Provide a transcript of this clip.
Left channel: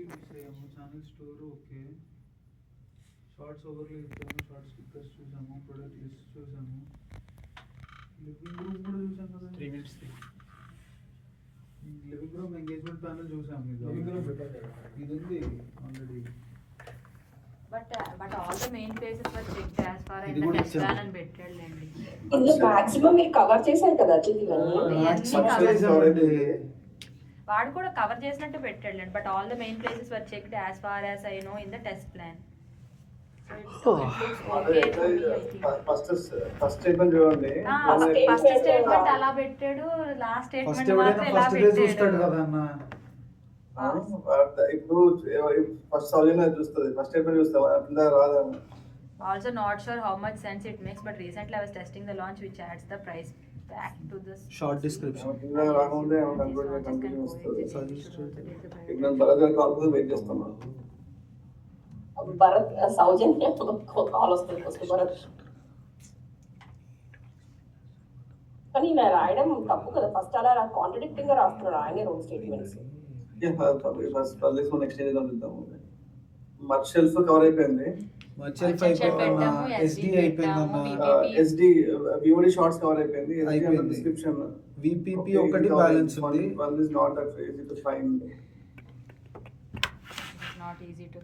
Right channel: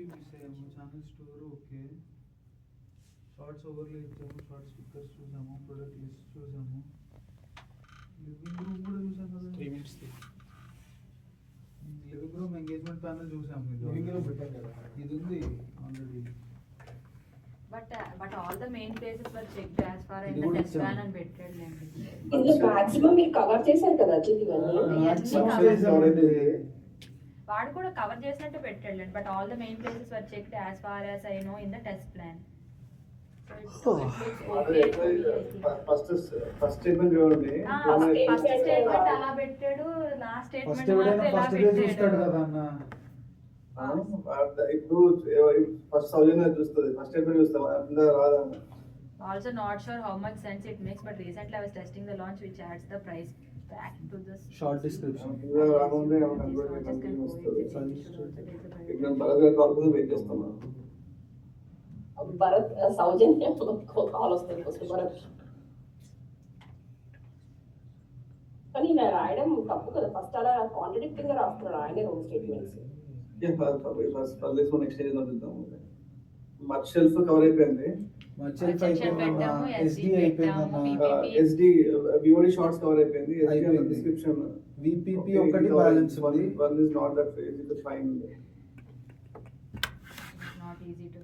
Entry miss అయ్యాము. Channel store okay, shorts ఓవర్లో ఇచ్చాము, షార్ట్ స్టిక్కర్స్ చూసాము, ప్రొడక్ట్ లిస్ట్ చూసాము, లివింగ్ రూమ్ కూడా చూసాం కదా. 3 minutes. Living room engagement panel చూసాము. లివింగ్ రూమ్ పెట్టారు కదా. ఇది ఉంది already. But all the main places were checked as far as ఇది the కూడా test ఇచ్చాము. plan and పెట్టాడులేండి. ఇందులో మాక్సిమం మీరు కవర్ చేశారు కదా అజిత్ ఇవన్నీ. వాడు కూడా కవర్ చేసినట్టు పెట్టాడులేండి. But all the main places were checked as far as I know in the test plan. First statement చూడండి. ఫస్ట్ స్టేట్మెంట్ అలా పెట్టాడు, లాస్ట్ ఫస్ట్ స్టేట్మెంట్ ఎవడైనా మాత్రం ఇలా ఫస్ట్ డే చూస్తాడు పెట్టాడు. కదా అన్న. ఇప్పుడు ఫస్ట్ సౌజన్య చూస్తుంది, ఫస్ట్ స్టేట్మెంట్ చూస్తాం కింద రాదన్న. Also not sure how much sense it makes, but recently I was testing the launch which adds the price back to this Short description. కింద రాకుండా కంటిన్యూ వస్తుంది. ఇప్పుడు బరదర్ కాల్ వెయిట్ చేస్తున్నాం. భరత్ సౌజన్య కాల్ వస్తుంది first Bharat. కానీ ఇలా రాయడం తప్పు కదా, ఫస్ట్ అలా కాంట్రడిక్టింగ్ గా రాస్తున్నాడు ఆయనే రెండు స్టేట్మెంట్స్. ఫస్ట్ నెక్స్ట్ చేద్దాం చూద్దాము. మచ్ షెల్ఫ్ కవర్ అయిపోయింది, మర్చెల్ఫ్ అయిపోయిందన్న, SD అయిపోయిందన్న, SD VOD షార్ట్స్ కవర్ అయిపోయింది, అయిపోయింది. డిస్క్రిప్షన్ VPP ఒకటి బ్యాలెన్స్ ఉంది. One is not that easy to find. not easy to